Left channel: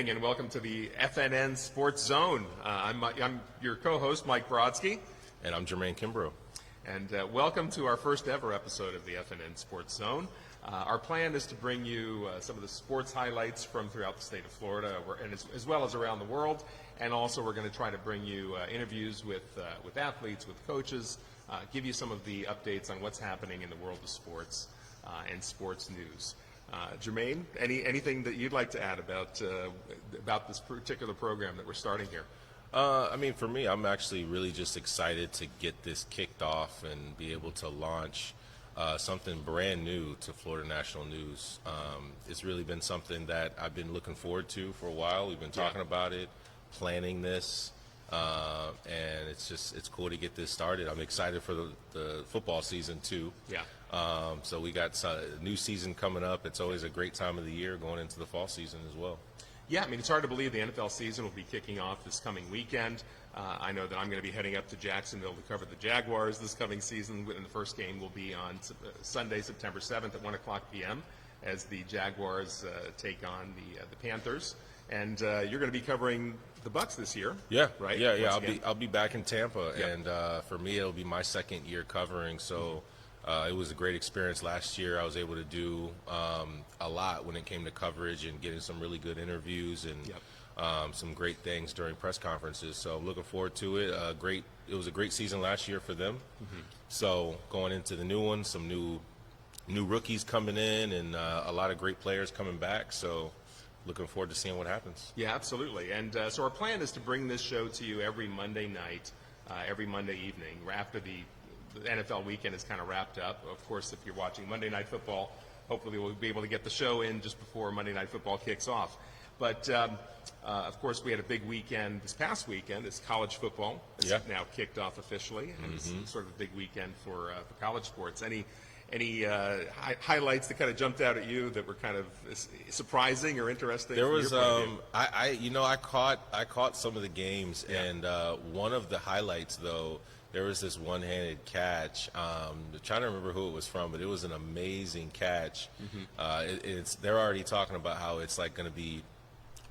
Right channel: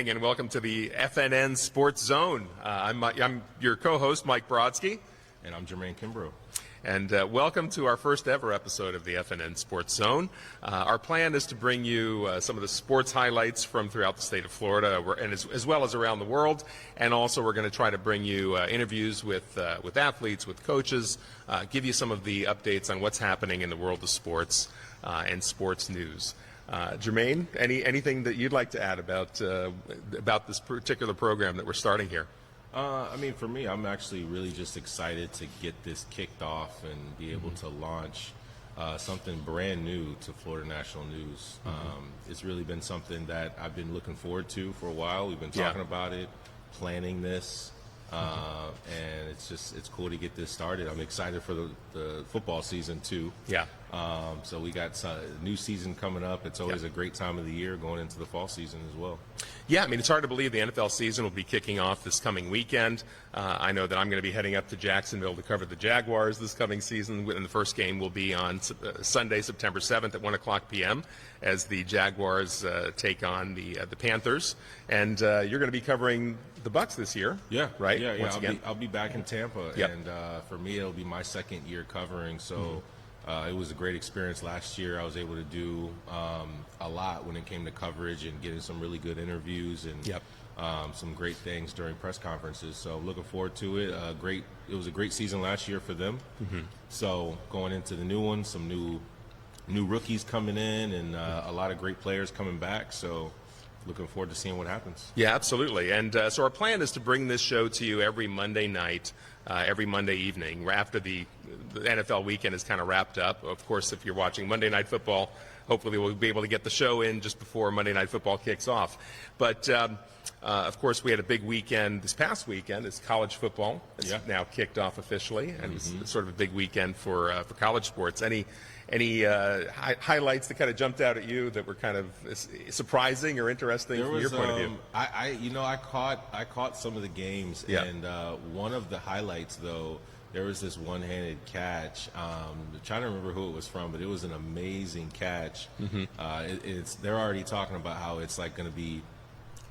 evening and welcome to the FNN Sports Zone. I'm your co-host, Mike Brodsky. And I'm Jermaine Kimbrough. And welcome to our first ever episode of the FNN Sports Zone. Our plan is to bring you some of the sports highlights from throughout the state of Florida, and as well as around the world. And also we're going to try to bring you interviews with athletes, with coaches, give you some of the updates on what's happening in the world of sports and sports news. Jermaine, anything that you'd like to add about this particular program that we're starting here? For me, I'm actually really just excited to get this kicked off and be able to launch something brand new to Florida National News. It's really been something that I've been looking forward to for a while. We've been talking about it, planning this, and it's cool to get this started. I'm excited for the football season too. Yeah. So we got a new season coming up. It's always a great time of the year going into the fall season as well. Yeah, it's hard to believe the NFL season will be kicking off this coming weekend. I know that I'm going to be heading up to Jacksonville to cover the Jaguars this coming season, and the first game will be on Sunday, September 7th at 1 o'clock p.m. as the Jaguars take on the Panthers. And you're going to be covering the Bucs this year. Yeah, right? Yeah. I'll be back in Tampa, and for me, it'll be my second year covering. So. It was a great experience last year. I was able to do a lot when it came to coverage and getting some really good interviews and some great things during press conferences. So I'm looking forward to it. It was a great season last year for them. So going into the new one, some new rookies coming in and a lot of great players coming back. So looking forward to seeing what happens. Yeah, absolutely. And so our plan is to bring this show to you every Monday night, every Monday evening after the NFL weekend is kind of wrapped up. Of course, if you're watching Monday Night Football, hopefully we'll be able to get the show in just before Monday Night Football kicks off. But, of course, we had a big weekend this past weekend. It's college football. It's now kicked off officially, and it's sort of a big weekend for college sports. Any highlights that kind of jumped out at you that were kind of surprising or interesting from your point of view? I caught some of the games, and one of the highlights, though, there was this one-handed catch. I'm trying to remember who it was from, but it was an amazing catch. They're already talking about how it's like going to be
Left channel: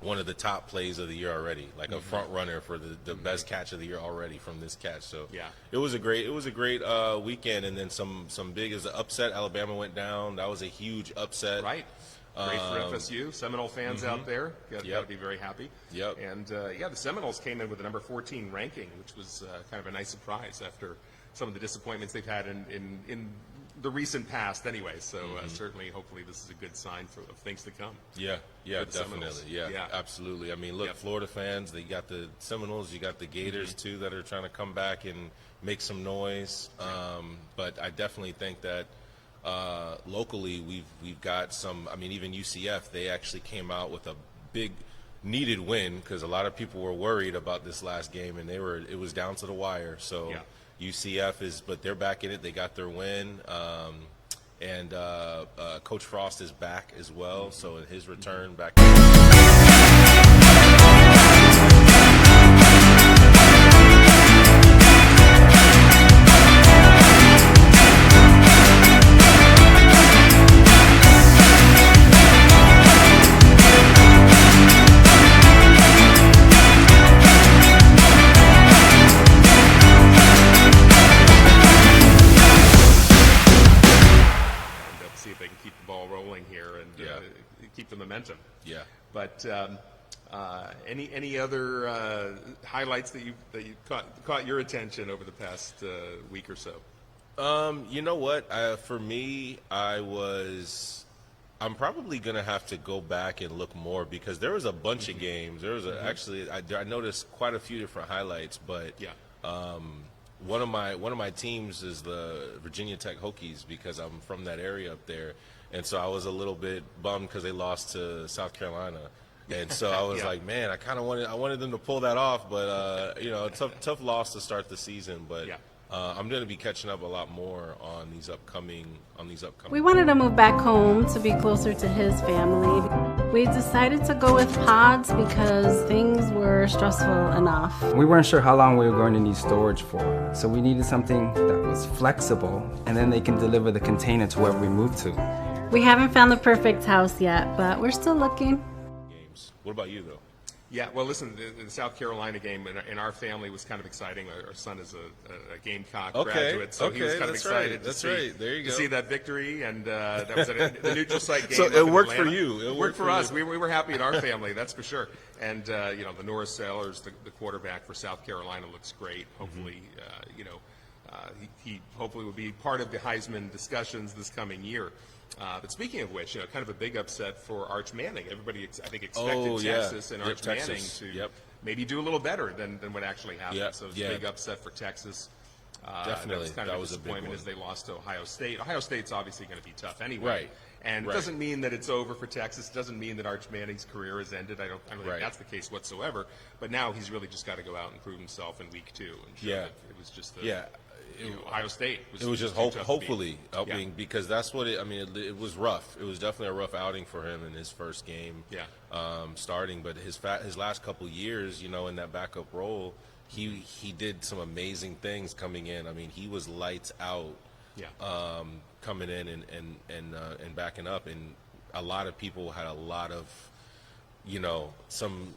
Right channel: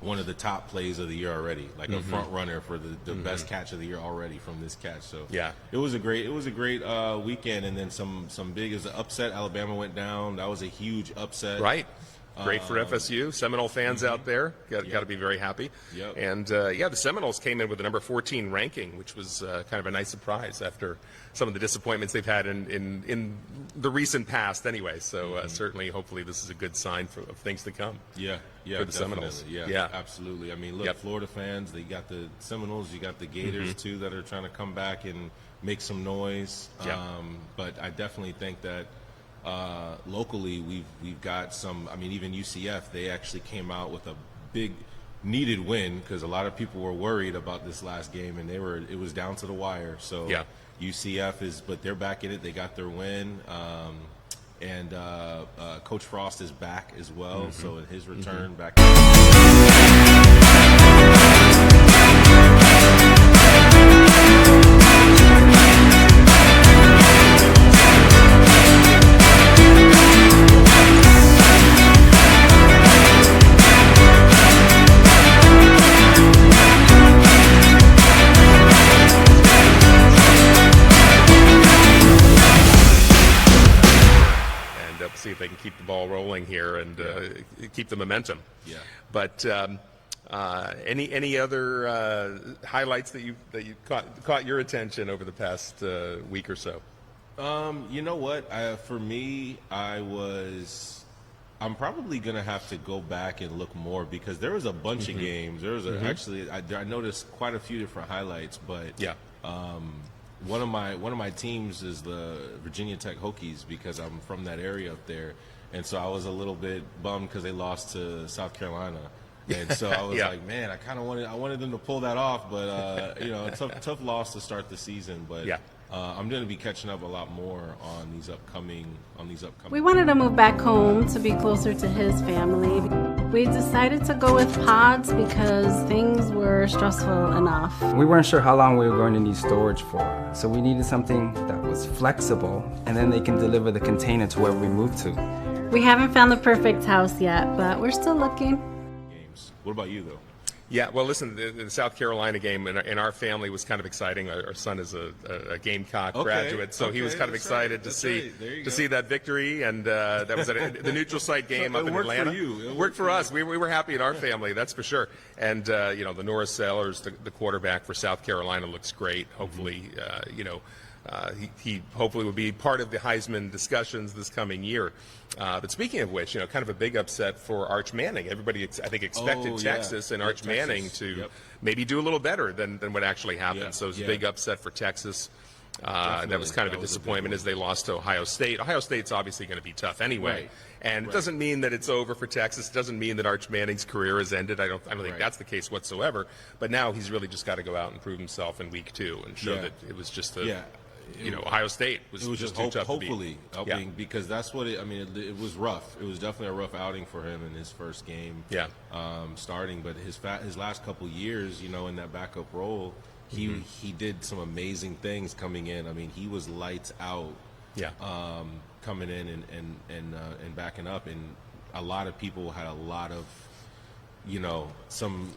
one of the top plays of the year already, like a front runner for the best catch of the year already from this catch. So it was a great weekend, and then some big as an upset. Alabama went down. That was a huge upset. Right. Great for FSU. Seminole fans out there got to be very happy. Yep. And the Seminoles came in with a number 14 ranking, which was kind of a nice surprise after some of the disappointments they've had in the recent past anyway. So certainly, hopefully, this is a good sign of things to come. Yeah, for the Seminoles. Yeah, absolutely. Look, Florida fans, you got the Seminoles, you got the Gators too that are trying to come back and make some noise. But I definitely think that locally we've got some. Even UCF, they actually came out with a big needed win because a lot of people were worried about this last game, and it was down to the wire. So UCF but they're back in it. They got their win, and Coach Frost is back as well. So in his return back. See if they can keep the ball rolling here and keep the momentum. Yeah. But any other highlights that you caught your attention over the past week or so? You know what? For me, I'm probably gonna have to go back and look more because there was a bunch of games. There was actually I noticed quite a few different highlights, but one of my teams is the Virginia Tech Hokies because I'm from that area up there, and so I was a little bit bummed because they lost to South Carolina, and so I was like, man, I wanted them to pull that off, but tough loss to start the season, but I'm going to be catching up a lot more on these upcoming. We wanted to move back home to be closer to his family. We decided to go with pods because things were stressful enough. We weren't sure how long we were going to need storage for, so we needed something that was flexible, and then they can deliver the container to wherever we move to. We haven't found the perfect house yet, but we're still looking. Games. What about you, though? Yeah, well, listen, the South Carolina game in our family was kind of exciting. Our son is a Gamecock graduate, so he was kind of excited to see that victory, and that was the neutral site game. So up it in worked for Atlanta. you. It worked for us. We were happy in our family, that's for sure. And the Norris Sellers, the quarterback for South Carolina, looks great. Hopefully, he hopefully will be part of the Heisman discussions this coming year. But speaking of which, kind of a big upset for Arch Manning. Everybody, I think, expected Texas and Arch Manning to maybe do a little better than what actually happened. So it was a big upset for Texas. And that was kind of a disappointment as they lost to Ohio State. Ohio State's obviously going to be tough anyway. And it doesn't mean that it's over for Texas. It doesn't mean that Arch Manning's career has ended. I don't think that's the case whatsoever. But now he's really just got to go out and prove himself in week 2 and show that it was just Ohio State was just hopefully helping because that's what it was rough. It was definitely a rough outing for him in his first game. Starting, but his last couple of years, in that backup role, he did some amazing things coming in. I mean, he was lights out. Coming in and backing up, and a lot of people had a lot of some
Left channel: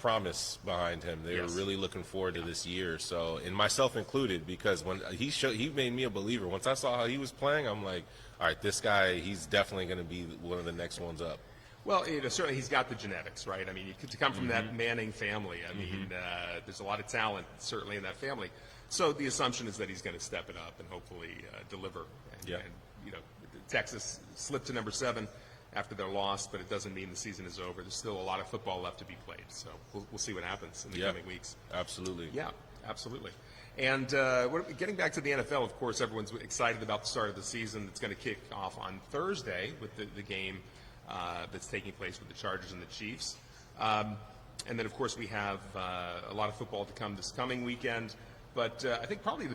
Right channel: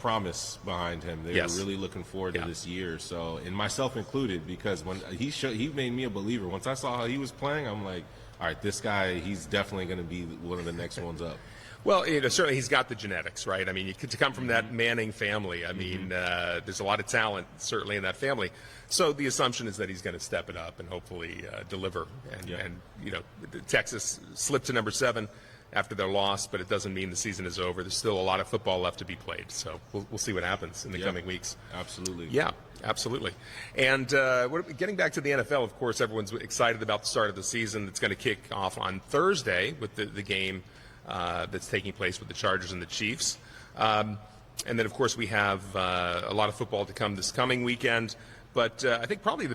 promise behind him. They were really looking forward to this year. So, and myself included, because when he made me a believer. Once I saw how he was playing, I'm like, all right, this guy, he's definitely going to be one of the next ones up. Well, certainly he's got the genetics, right? I mean, to come from that Manning family, I mean, there's a lot of talent certainly in that family. So the assumption is that he's going to step it up and hopefully deliver. And Texas slipped to number 7 after their loss, but it doesn't mean the season is over. There's still a lot of football left to be played. So we'll see what happens in the coming weeks. Absolutely. Yeah, absolutely. And getting back to the NFL, of course, everyone's excited about the start of the season. It's going to kick off on Thursday with the game that's taking place with the Chargers and the Chiefs. And then, of course, we have a lot of football to come this coming weekend. But I think probably the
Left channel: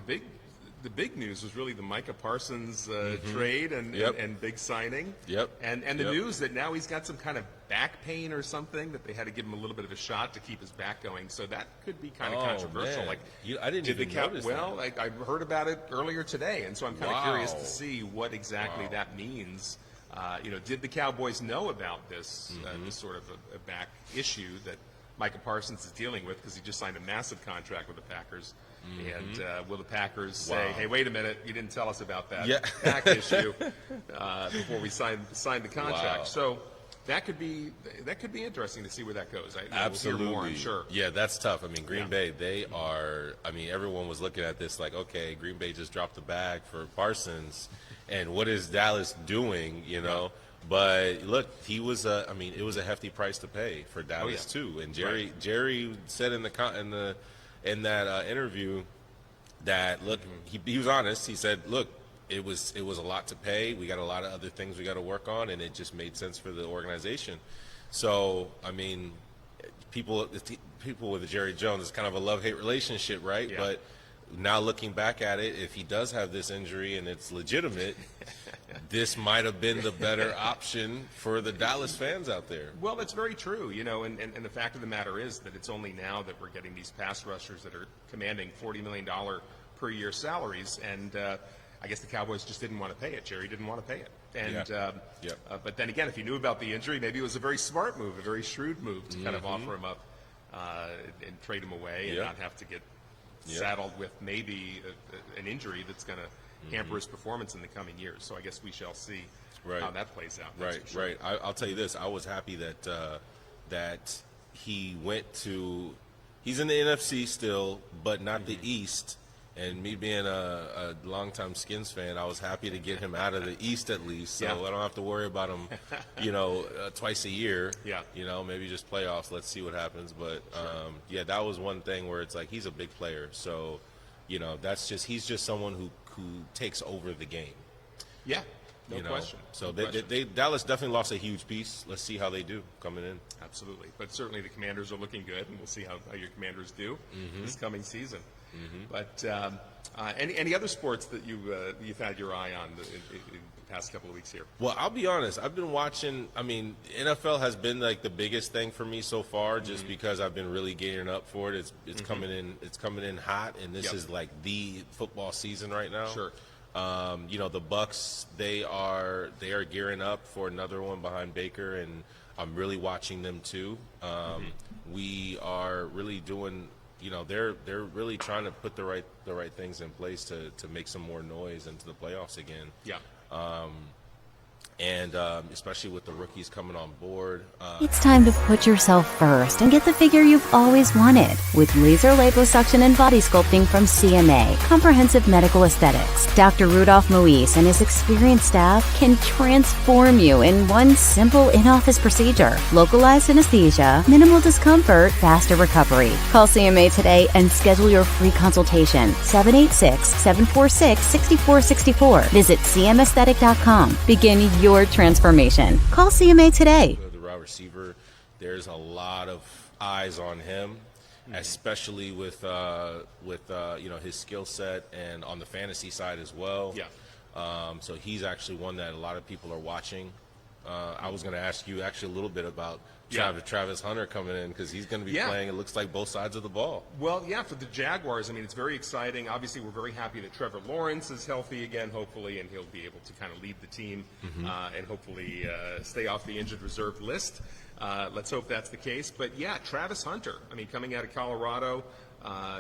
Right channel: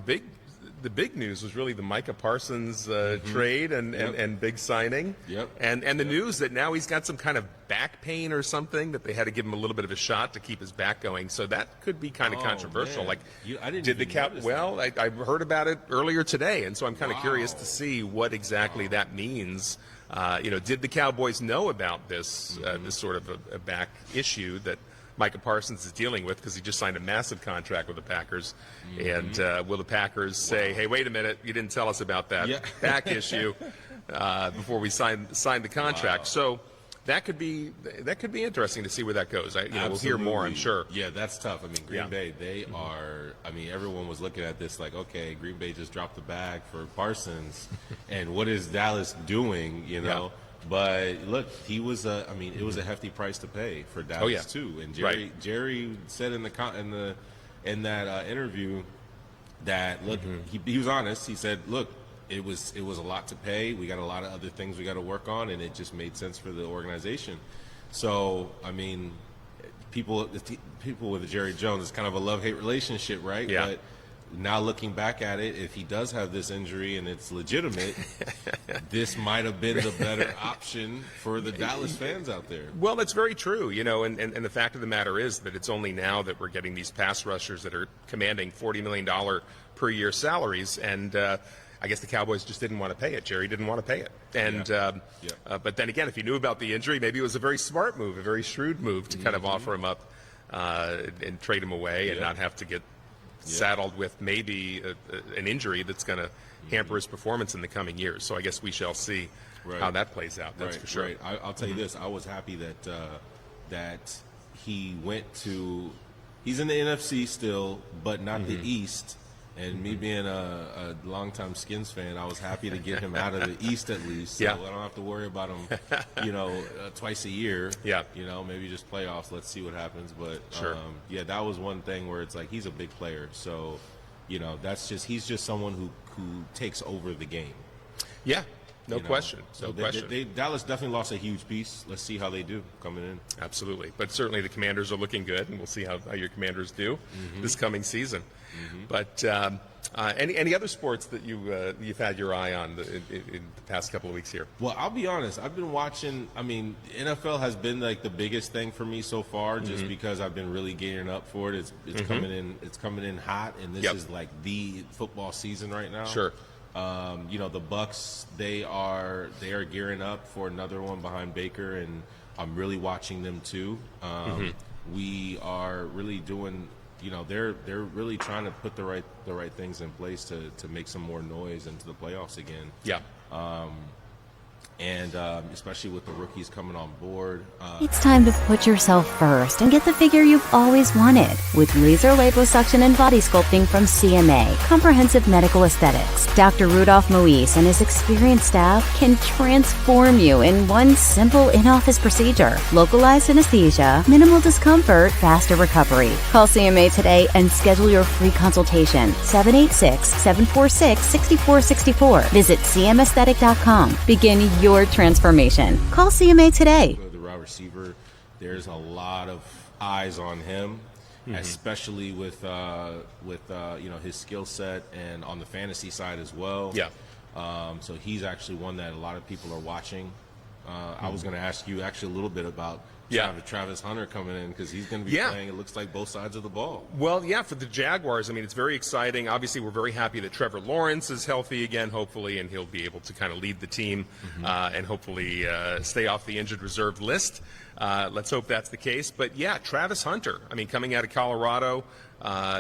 big news was really the Micah Parsons trade and big signing. And the news that now he's got some kind of back pain or something, that they had to give him a little bit of a shot to keep his back going. So that could be kind of controversial. Man. Like, I didn't did the even notice well? I heard about it earlier today, and so I'm kind of curious to see what exactly that means. Did the Cowboys know about this this sort of a back issue that Micah Parsons is dealing with, because he just signed a massive contract with the Packers? And will the Packers say, hey, wait a minute, you didn't tell us about that back issue before we signed the contract? So that could be interesting to see where that goes. We'll hear more, I'm sure. Yeah, that's tough. I mean, Green Bay, they are. I mean, everyone was looking at this like, okay, Green Bay just dropped the bag for Parsons, and what is Dallas doing? But look, he was. It was a hefty price to pay for Dallas too. And Jerry said in that interview that look, he was honest. He said, look, it was a lot to pay. We got a lot of other things we got to work on, and it just made sense for the organization. So I mean, people with Jerry Jones, it's kind of a love-hate relationship, right? Yeah. But now looking back at it, if he does have this injury and it's legitimate, this might have been the better option for the Dallas fans out there. Well, that's very true, and the fact of the matter is that it's only now that we're getting these pass rushers that are commanding $40 million per year salaries, and I guess the Cowboys just didn't want to pay it. Jerry didn't want to pay it. And but then again, if he knew about the injury, maybe it was a very smart move, a very shrewd move to kind of offer him up and trade him away and not have to get saddled with maybe an injury that's going to hamper his performance in the coming years. So I guess we shall see how that plays out. That's for sure. Right. I'll tell you this. I was happy that he went to – he's in the NFC still, but not the East. And me being a longtime Skins fan, I was happy to get him out of the East at least, so I don't have to worry about him, twice a year. Maybe just playoffs. Let's see what happens. But that was one thing where it's like he's a big player, so he's just someone who takes over the game. Yeah, no question. So Dallas definitely lost a huge piece. Let's see how they do coming in. Absolutely, but certainly the Commanders are looking good, and we'll see how your Commanders do this coming season. But any other sports that you've had your eye on in the past couple of weeks here? Well, I'll be honest. I've been watching. I mean, NFL has been like the biggest thing for me so far, just because I've been really gearing up for it. It's coming in. It's coming in hot, and this is like the football season right now. Sure. The Bucks, they are gearing up for another one behind Baker, and I'm really watching them too. We are really doing, they're really trying to put the right things in place to make some more noise into the playoffs again. Yeah. And especially with the rookies coming on board. It's time to put yourself first and get the figure you've always wanted with laser liposuction and body sculpting from CMA, Comprehensive Medical Aesthetics. Dr. Rudolph Moise and his experienced staff can transform you in one simple in-office procedure. Localized anesthesia, minimal discomfort, faster recovery. Call CMA today and schedule your free consultation. 786-746-6464. Visit cmaesthetic.com. Begin your transformation. Call CMA today. The wide receiver, there's a lot of eyes on him, especially with his skill set and on the fantasy side as well. Yeah. So he's actually one that a lot of people are watching. I was going to ask you actually a little bit about Travis Hunter coming in, because he's going to be playing, it looks like, both sides of the ball. Well, yeah, for the Jaguars, I mean, it's very exciting. Obviously, we're very happy that Trevor Lawrence is healthy again, hopefully, and he'll be able to kind of lead the team and hopefully stay off the injured reserve list. Let's hope that's the case. But, yeah, Travis Hunter, I mean, coming out of Colorado,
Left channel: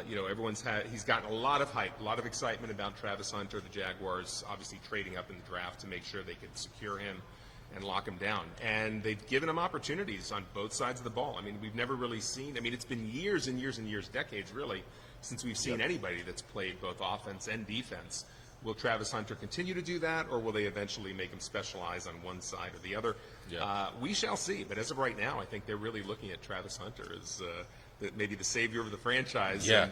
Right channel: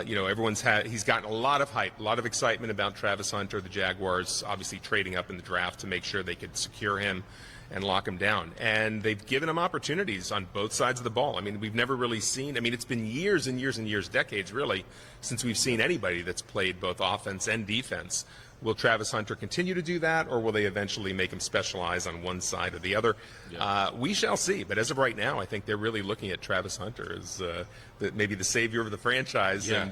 he's gotten a lot of hype, a lot of excitement about Travis Hunter. The Jaguars obviously trading up in the draft to make sure they could secure him and lock him down. And they've given him opportunities on both sides of the ball. I mean, we've never really seen, it's been years and years and years, decades really, since we've seen anybody that's played both offense and defense. Will Travis Hunter continue to do that, or will they eventually make him specialize on one side or the other? Yeah. We shall see. But as of right now, I think they're really looking at Travis Hunter as maybe the savior of the franchise and,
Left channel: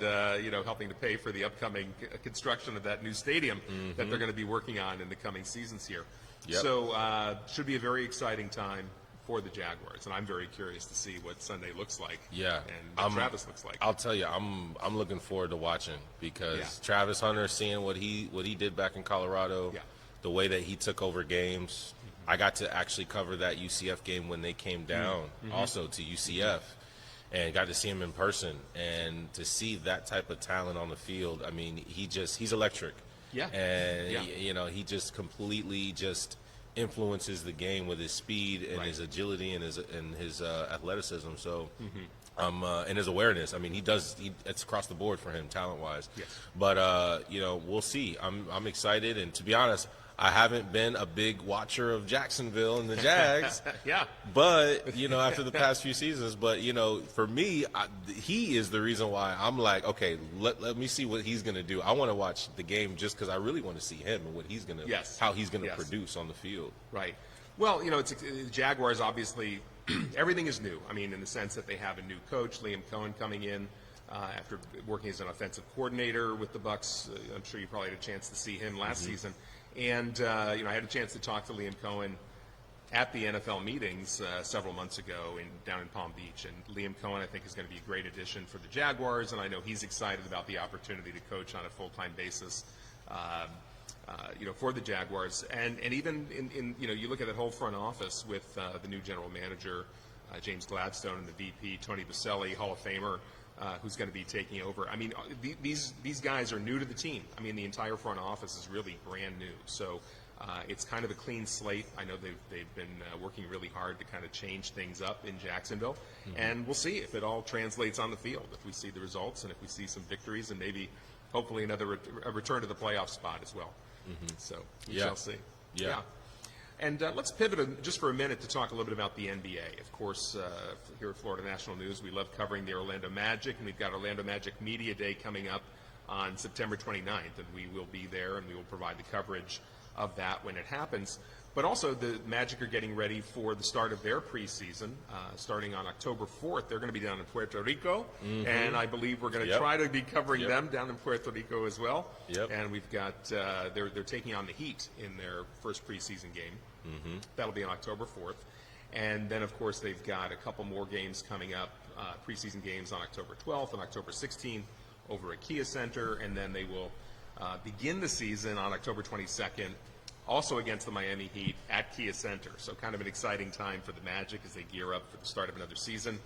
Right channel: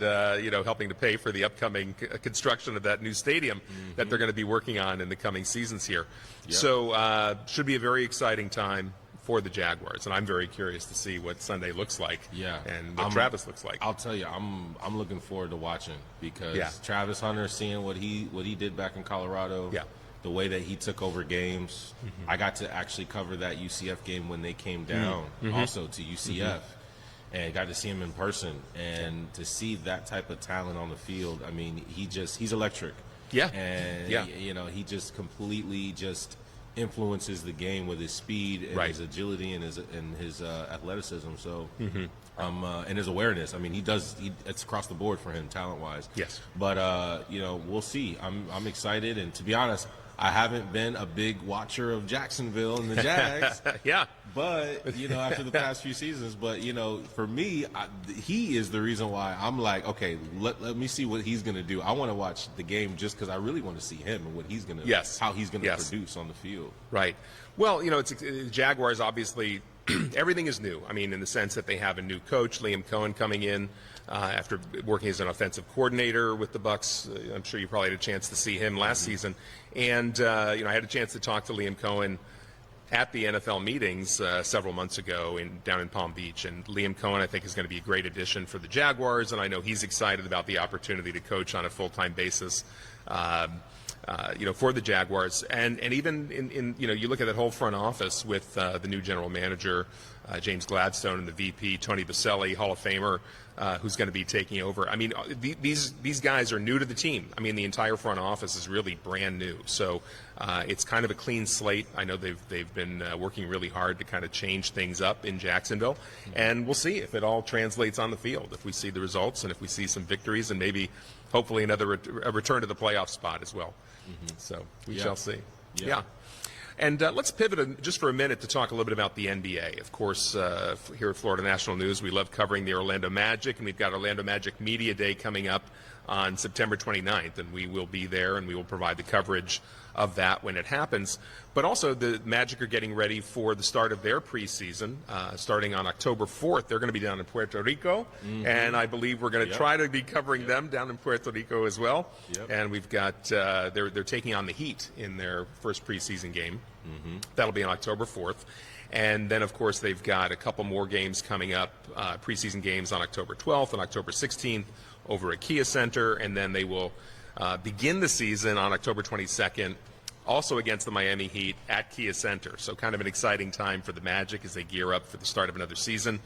helping to pay for the upcoming construction of that new stadium that they're going to be working on in the coming seasons here. Yep. So should be a very exciting time for the Jaguars, and I'm very curious to see what Sunday looks like and what Travis looks like. I'll tell you, I'm looking forward to watching, because Travis Hunter, seeing what he did back in Colorado, the way that he took over games. I got to actually cover that UCF game when they came down also to UCF. And got to see him in person, and to see that type of talent on the field. I mean, he's electric. Yeah. And he just completely just influences the game with his speed and his agility and his athleticism. So and his awareness. I mean, it's across the board for him talent wise. Yes. But we'll see. I'm excited, and to be honest, I haven't been a big watcher of Jacksonville and the Jags. But, after the past few seasons. But, for me, he is the reason why I'm like, okay, let me see what he's going to do. I want to watch the game just because I really want to see him and what he's going to, how he's going to produce on the field. Right. Well, it's Jaguars, obviously, everything is new. I mean, in the sense that they have a new coach, Liam Cohen, coming in. After working as an offensive coordinator with the Bucs. I'm sure you probably had a chance to see him last season. And, I had a chance to talk to Liam Cohen at the NFL meetings several months ago down in Palm Beach. And Liam Cohen, I think, is going to be a great addition for the Jaguars, and I know he's excited about the opportunity to coach on a full-time basis, for the Jaguars. And even in you look at that whole front office with the new general manager, James Gladstone, and the VP, Tony Baselli, Hall of Famer, who's going to be taking over. I mean, these guys are new to the team. I mean, the entire front office is really brand new. So it's kind of a clean slate. I know they've been working really hard to kind of change things up in Jacksonville, and we'll see if it all translates on the field. If we see the results, and if we see some victories, and maybe hopefully a return to the playoff spot as well. So we shall see. Yeah. And let's pivot just for a minute to talk a little bit about the NBA. Of course, here at Florida National News, we love covering the Orlando Magic, and we've got Orlando Magic Media Day coming up on September 29th, and we will be there, and we will provide the coverage of that when it happens. But also, the Magic are getting ready for the start of their preseason, starting on October 4th. They're going to be down in Puerto Rico, and I believe we're going to try to be covering them down in Puerto Rico as well. And we've got they're taking on the Heat in their first preseason game. That'll be on October 4th. And then, of course, they've got a couple more games coming up, preseason games on October 12th and October 16th over at Kia Center, and then they will begin the season on October 22nd, also against the Miami Heat at Kia Center. So kind of an exciting time for the Magic as they gear up for the start of another season.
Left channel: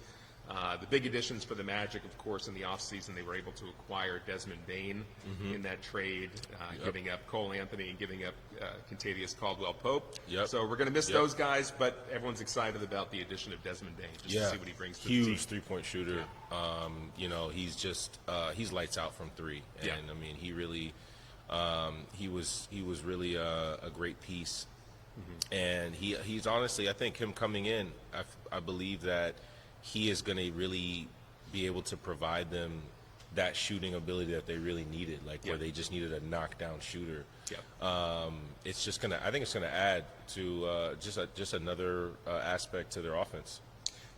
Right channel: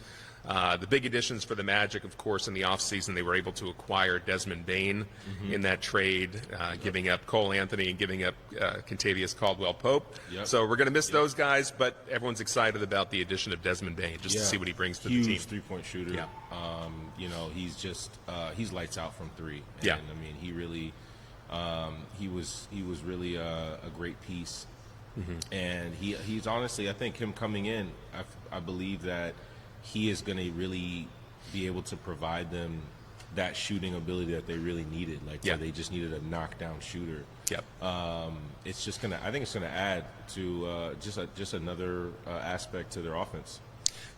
The big additions for the Magic, of course, in the offseason, they were able to acquire Desmond Bain in that trade, giving up Cole Anthony and giving up Kentavious Caldwell-Pope. So we're going to miss those guys, but everyone's excited about the addition of Desmond Bain just to see what he brings to the team. Huge three-point shooter. You know, he's just he's lights out from three. And, I mean, he really he was really a great piece. And he's honestly, I think him coming in, I believe that he is going to really be able to provide them that shooting ability that they really needed. Like where they just needed a knockdown shooter. It's just gonna. I think it's gonna add to just another aspect to their offense.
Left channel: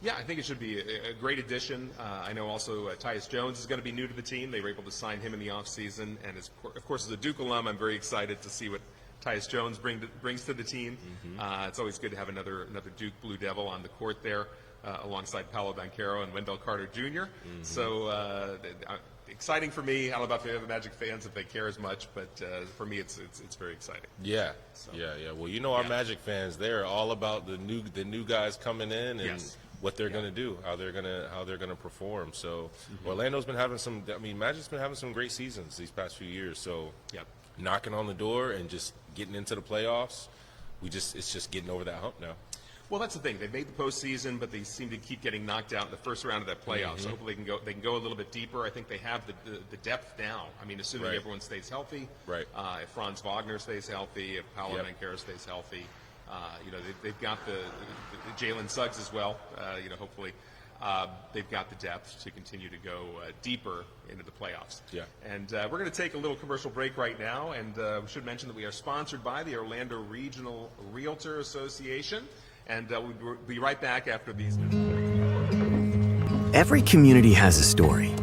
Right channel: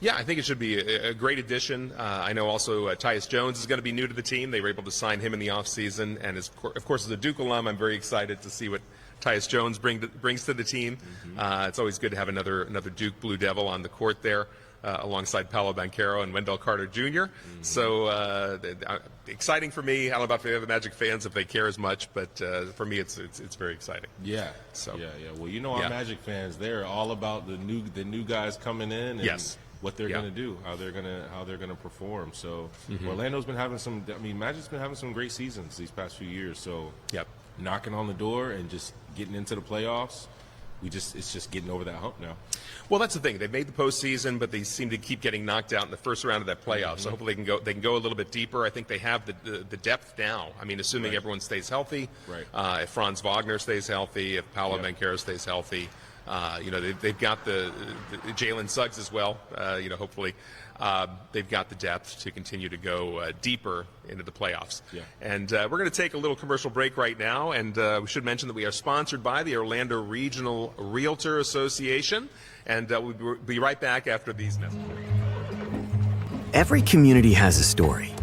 Yeah, I think it should be a great addition. I know also Tyus Jones is going to be new to the team. They were able to sign him in the offseason. And of course, as a Duke alum, I'm very excited to see what Tyus Jones brings to the team. It's always good to have another Duke Blue Devil on the court there. Alongside Paolo Banchero and Wendell Carter Jr. So exciting for me. I don't know about the other Magic fans if they care as much, but for me it's very exciting. So well, you know, our Magic fans, they're all about the new guys coming in and what they're going to do, how they're going to perform. So Orlando's been having some. I mean, Magic's been having some great seasons these past few years. So knocking on the door and just getting into the playoffs. It's just getting over that hump now. Well, that's the thing. They made the postseason, but they seem to keep getting knocked out in the first round of that playoff. So hopefully they can go a little bit deeper. I think they have the depth now. I mean, assuming everyone stays healthy, if Franz Wagner stays healthy, if Paolo Banchero stays healthy, you know, they've got the Jalen Suggs as well. You know, hopefully. They've got the depth to continue to go deeper into the playoffs. And we're going to take a little commercial break right now, and we should mention that we are sponsored by the Orlando Regional Realtor Association, and we'll be right back after these messages. Every community has a story.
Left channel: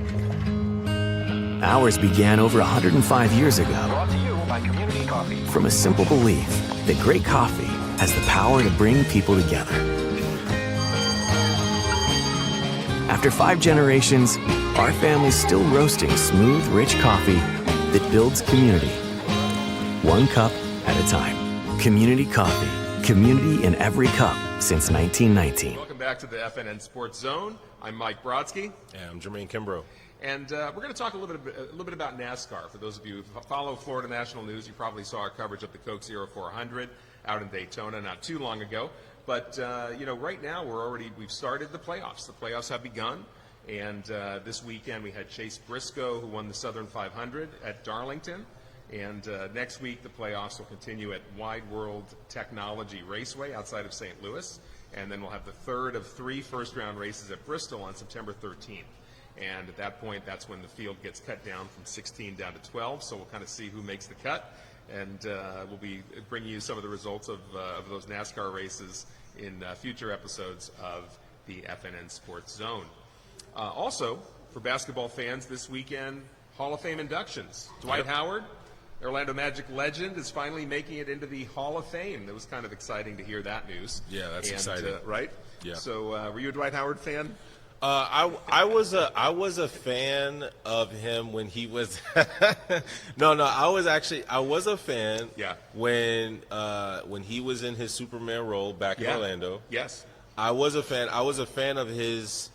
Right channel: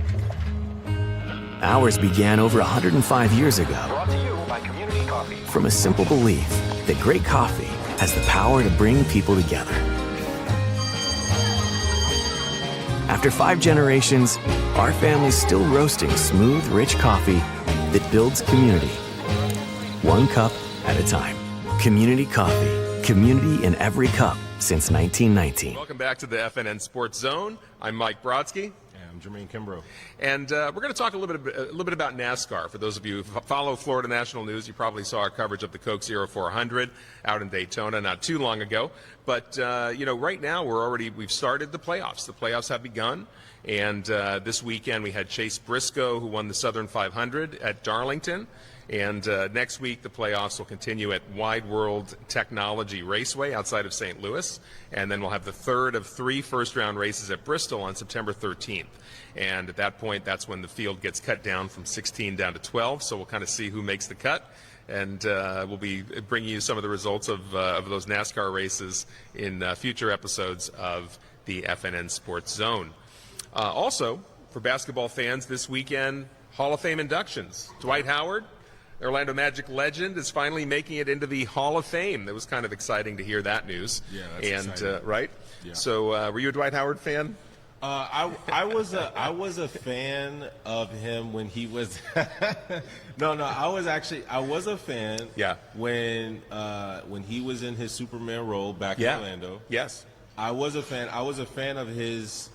Ours began over 105 years ago. Brought to you by Community Coffee. From a simple belief that great coffee has the power to bring people together. After 5 generations, our family's still roasting smooth, rich coffee that builds community. One cup at a time. Community Coffee. Community in every cup since 1919. Welcome back to the FNN Sports Zone. I'm Mike Brodsky. And I'm Jermaine Kimbrough. And we're going to talk a little bit about NASCAR. For those of you who follow Florida National News, you probably saw our coverage of the Coke 0400 out in Daytona not too long ago. But you know, right now we've started the playoffs. The playoffs have begun, and this weekend we had Chase Briscoe, who won the Southern 500 at Darlington. And next week the playoffs will continue at Wide World Technology Raceway outside of St. Louis, and then we'll have the third of 3 first-round races at Bristol on September 13th. And at that point, that's when the field gets cut down from 16 down to 12. So we'll kind of see who makes the cut. And we'll be bringing you some of the results of those NASCAR races in future episodes of the FNN Sports Zone. Also, for basketball fans, this weekend, Hall of Fame inductions. Dwight Howard, Orlando Magic legend, is finally making it into the Hall of Fame. It was kind of exciting to hear that news. Yeah, that's exciting. Right? Yeah. So were you a Dwight Howard fan? I was a fan of him when he was I was a fan when he was in his Superman role back in Orlando. Yes. I was a fan of his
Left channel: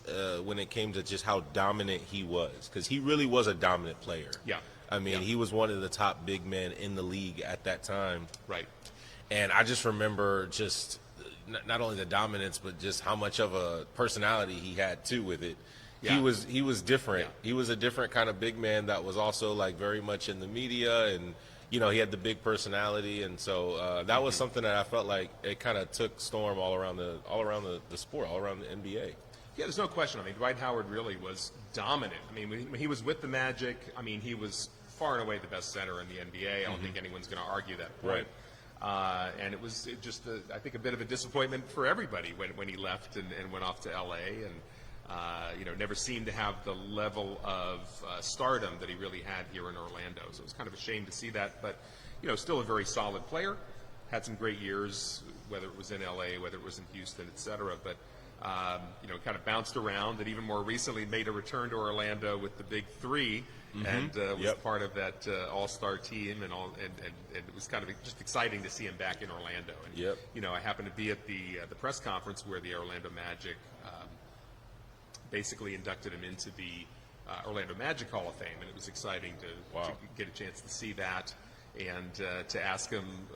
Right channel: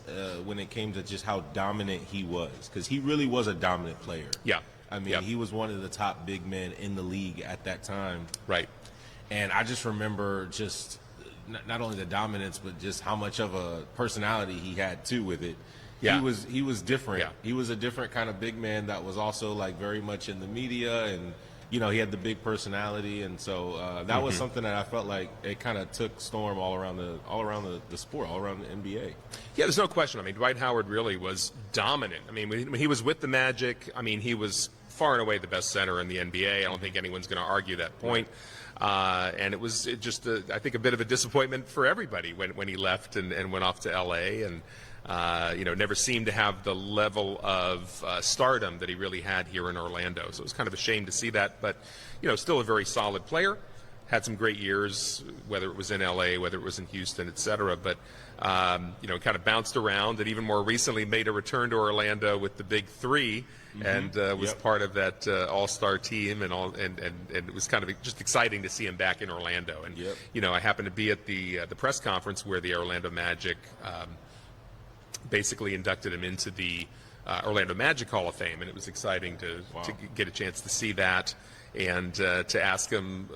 when it came to just how dominant he was, because he really was a dominant player. I mean, he was one of the top big men in the league at that time. Right. And I just remember just not only the dominance, but just how much of a personality he had too with it. He was different. He was a different kind of big man that was also like very much in the media, and you know, he had the big personality, and so that was something that I felt like it kind of took storm all around the sport, all around the NBA. Yeah, there's no question. I mean, Dwight Howard really was dominant. I mean, when he was with the Magic, I mean, he was far and away the best center in the NBA. I don't think anyone's going to argue that point. And it was just, I think, a bit of a disappointment for everybody when he left and went off to L.A. and, you know, never seemed to have the level of stardom that he really had here in Orlando. So it was kind of a shame to see that. But, you know, still a very solid player. Had some great years, whether it was in L.A., whether it was in Houston, et cetera. But, you know, kind of bounced around and even more recently made a return to Orlando with the Big Three. And was part of that all-star team, and it was kind of just exciting to see him back in Orlando. And you know, I happened to be at the press conference where the Orlando Magic basically inducted him into the Orlando Magic Hall of Fame, and it was exciting to get a chance to see that and to ask him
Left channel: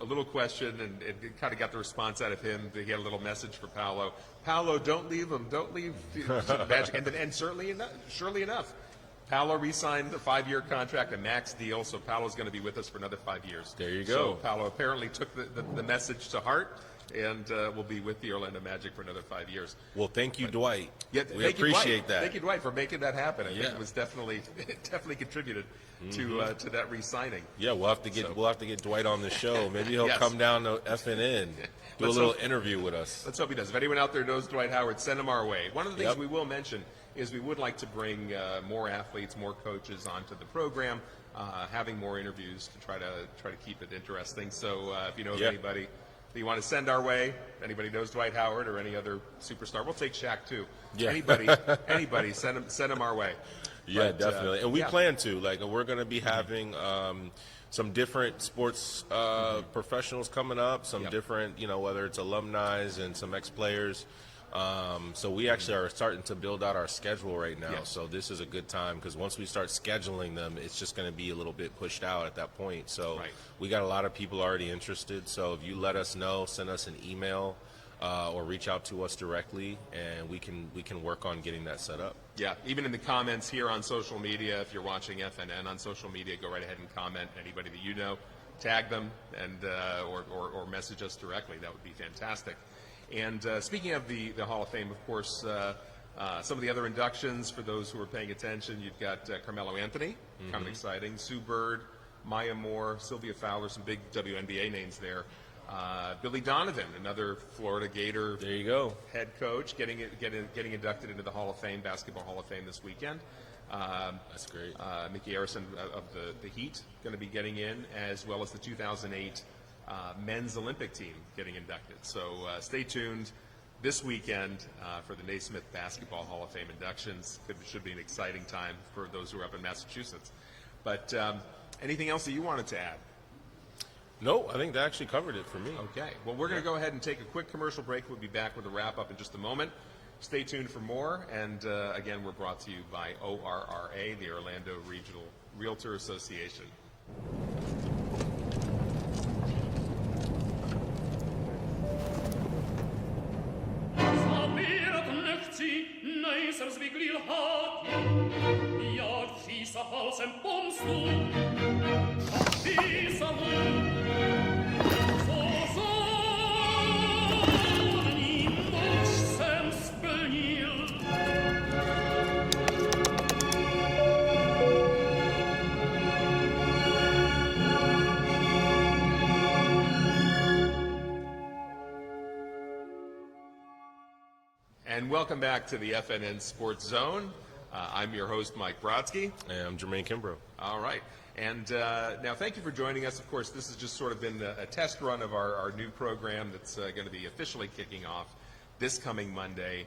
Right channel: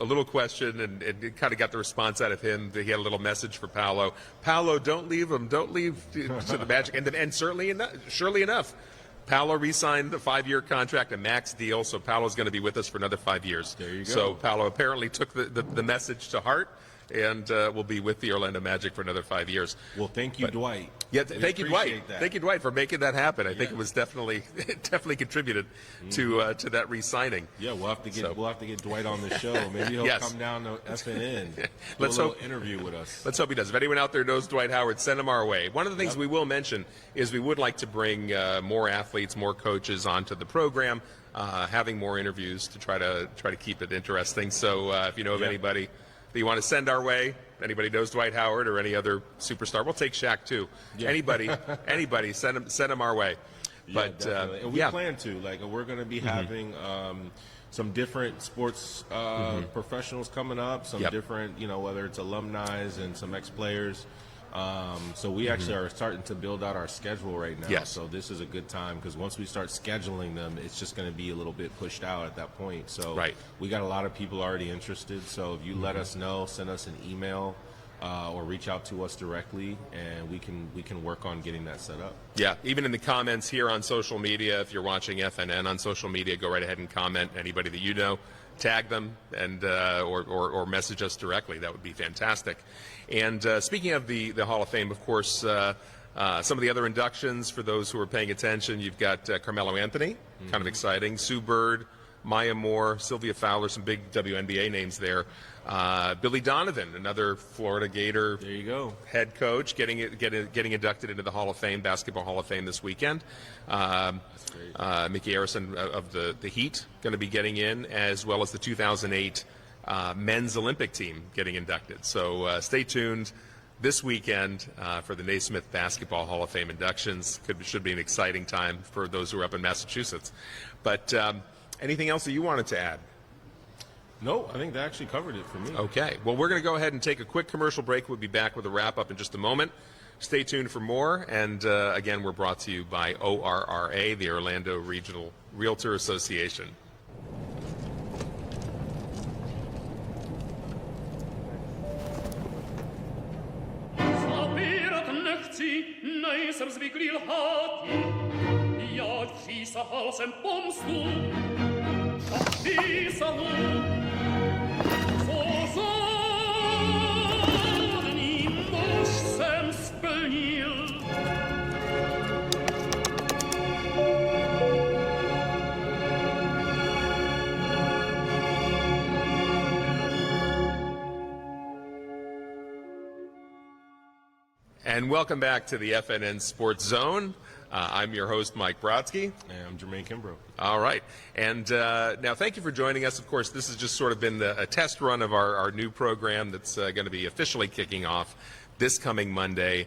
a little question, and it kind of got the response out of him. He had a little message for Paolo. Paolo, don't leave him. Don't leave the Magic. And surely enough, Paolo re-signed the 5-year contract, a max deal, so Paolo's going to be with us for another 5 years. There you go. So Paolo apparently took the message to heart, and will be with the Orlando Magic for another 5 years. Well, thank you, Dwight. Yeah, we appreciate that. Thank you, Dwight, for making that happen. I think it was definitely contributed to that re-signing. Yeah, we'll have to get Dwight on the show. Maybe he'll come down to FNN, do a Let's little hope- interview with us. Let's hope he does. If anyone out there knows Dwight Howard, send him our way. One of the things we will mention is we would like to bring more athletes, more coaches onto the program, having more interviews to try to keep it interesting. So if you know of anybody that you want to send our way, anybody knows Dwight Howard or any other superstar, we'll take Shaq too. Yeah. Anybody, send them our way. Yeah, But, definitely. And we plan to. Like, we're going to be having some different sports professionals coming up, some different, whether it's alumni and some ex-players. So we actually are starting to build out our schedule right now. Yes. So this is a good time because once we start scheduling them, it's just going to be a little bit pushed out at that point. So we got a lot of people already interested. So if you let us know, send us an email or reach out to us directly, and we can work on getting that set up. Yeah, even in the comments here on social media, if you're watching FNN on social media, go right ahead and comment. Anybody that you know, tag them and or message us directly. That would be fantastic. And speaking of the Hall of Fame, of course, some of the other inductions for those who are paying attention, you've got Carmelo Anthony, kind of exciting, Sue Bird, Maya Moore, Sylvia Fowler, some big WNBA names there. Billy Donovan, another Florida Gator There you go. head coach, getting inducted into the Hall of Fame, Basketball Hall of Fame this weekend. That's great. Mickey Arison of the Heat going to be getting in, as well as the 2008 men's Olympic team getting inducted. So stay tuned this weekend for the Naismith Basketball Hall of Fame inductions. Should be an exciting time for those who are up in Massachusetts. But anything else that you wanted to add? No, I think that actually covered it for me. Okay. Well, we're going to go ahead and take a quick commercial break. We'll be back with a wrap-up in just a moment. Stay tuned for more. And, again, we're brought to you by ORRA, the Orlando Regional Realtor Association. And welcome back to the FNN Sports Zone. I'm your host, Mike Brodsky. And I'm Jermaine Kimbrough. All right. And now thank you for joining us. Of course, this has just sort of been a test run of our new program that's going to be officially kicking off this coming Monday,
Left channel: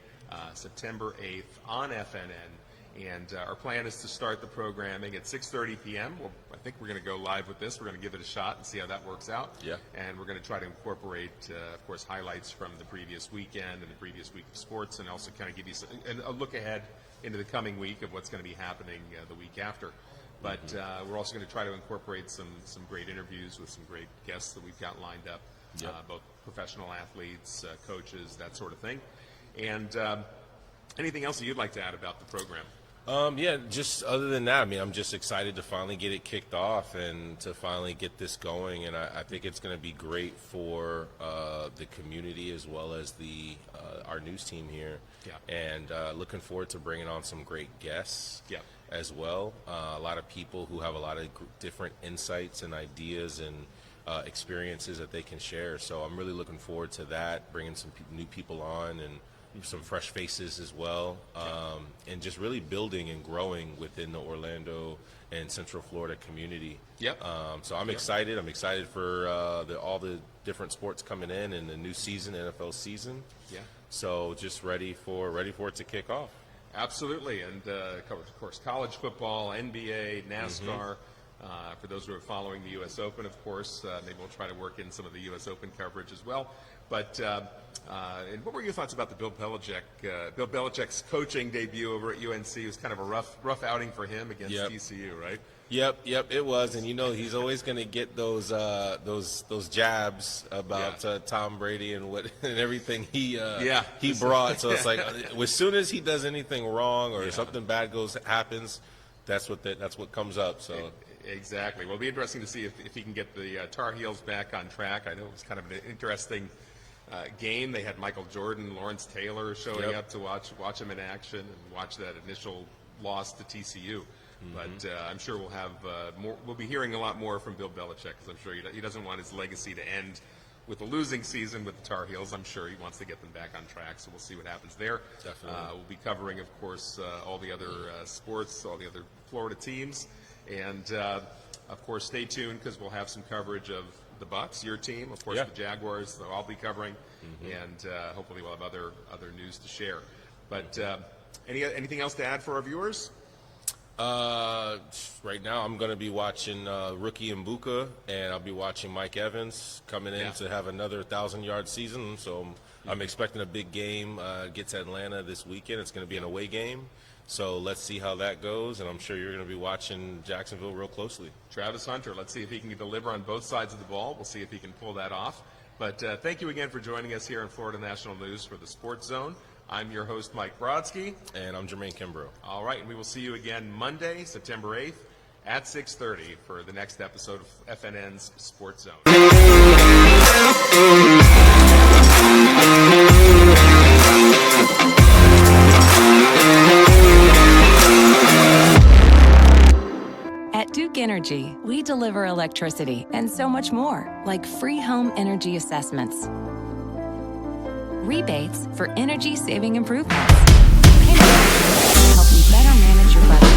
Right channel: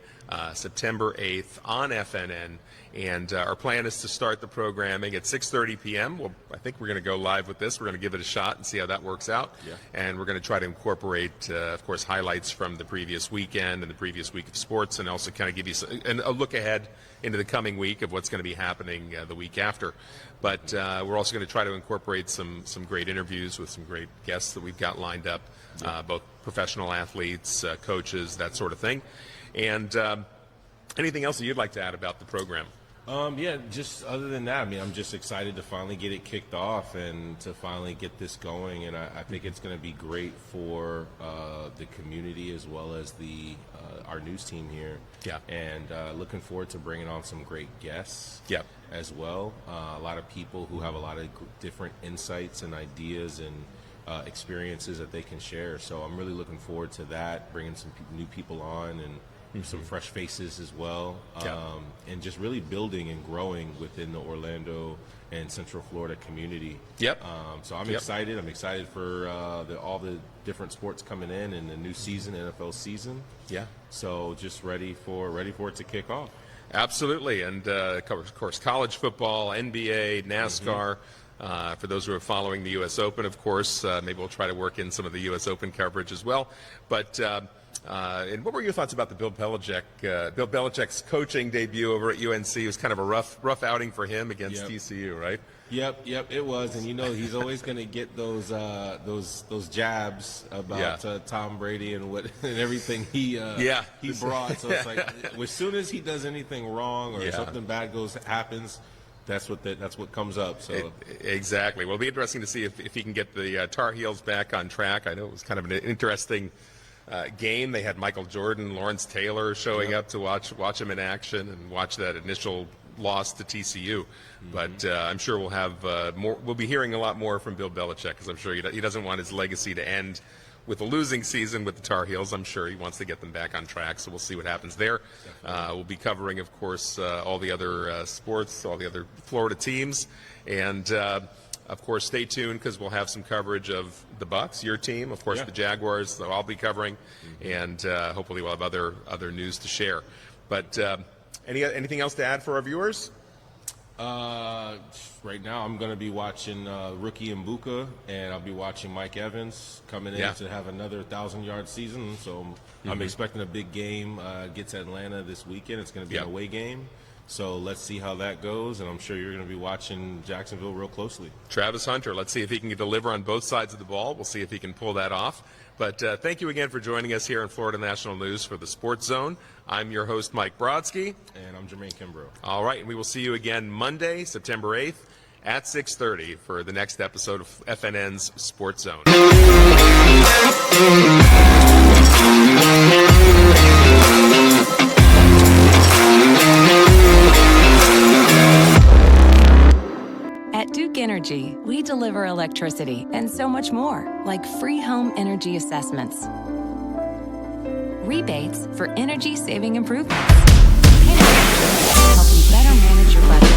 September 8th on FNN. And our plan is to start the programming at 6:30 p.m. Well, I think we're going to go live with this. We're going to give it a shot and see how that works out. Yeah. And we're going to try to incorporate, of course, highlights from the previous weekend and the previous week of sports, and also kind of give you a look ahead into the coming week of what's going to be happening the week after. But we're also going to try to incorporate some great interviews with some great guests that we've got lined up, both professional athletes, coaches, that sort of thing. And anything else that you'd like to add about the program? Yeah, just other than that, I mean, I'm just excited to finally get it kicked off and to finally get this going. And I think it's going to be great for the community as well as our news team here. Yeah. And looking forward to bringing on some great guests as well. A lot of people who have a lot of different insights and ideas and experiences that they can share. So I'm really looking forward to that, bringing some new people on and some fresh faces as well, and just really building and growing within the Orlando and Central Florida community. So I'm excited. I'm excited for all the different sports coming in the new season, NFL season. So just ready for it to kick off. Absolutely, and of course, college football, NBA, NASCAR. For those who are following the U.S. Open, of course, maybe we'll try to work in some of the U.S. Open coverage as well. But And what were your thoughts about the Bill Belichick's coaching debut over at UNC? It was kind of a rough outing for him against TCU, right? Yep, it was, and he's always going to get those jabs about Tom Brady and and everything he brought. So it's like as soon as he does anything wrong or something bad happens, that's what comes up. So exactly. Well, it'll be interesting to see if he can get the Tar Heels back on track. I know it was kind of an interesting game. They had Michael Jordan, Lawrence Taylor showing up to watch him in action and watch that initial loss to TCU. But I'm sure we'll have more. We'll be hearing a lot more from Bill Belichick, because I'm sure he doesn't want his legacy to end with a losing season with the Tar Heels. I'm sure he wants to get them back on track. So we'll see what happens there. We'll be covering, of course, all the other sports, all the other Florida teams, and of course, stay tuned, because we'll have some coverage of the Bucs, your team, of course, the Jaguars. So I'll be covering, and hopefully we'll have other news to share. But anything else to add for our viewers? Right now, I'm going to be watching Rookie Mbuka, and I'll be watching Mike Evans coming in to have another 1,000-yard season. So I'm expecting a big game against Atlanta this weekend. It's going to be an away game. So let's see how that goes, and I'm sure you're going to be watching Jacksonville real closely. Travis Hunter, let's see if he can deliver on both sides of the ball. We'll see if he can pull that off. But thank you again for joining us here in Florida National News for the Sports Zone. I'm your host, Mike Brodsky. And I'm Jermaine Kimbrough. All right, and we will see you again Monday, September 8th at 6:30 for the next episode of FNN's Sports Zone. At Duke Energy, we deliver electricity and so much more, like free home energy assessments, rebates for energy-saving improvements, payment options to help you better manage your budget,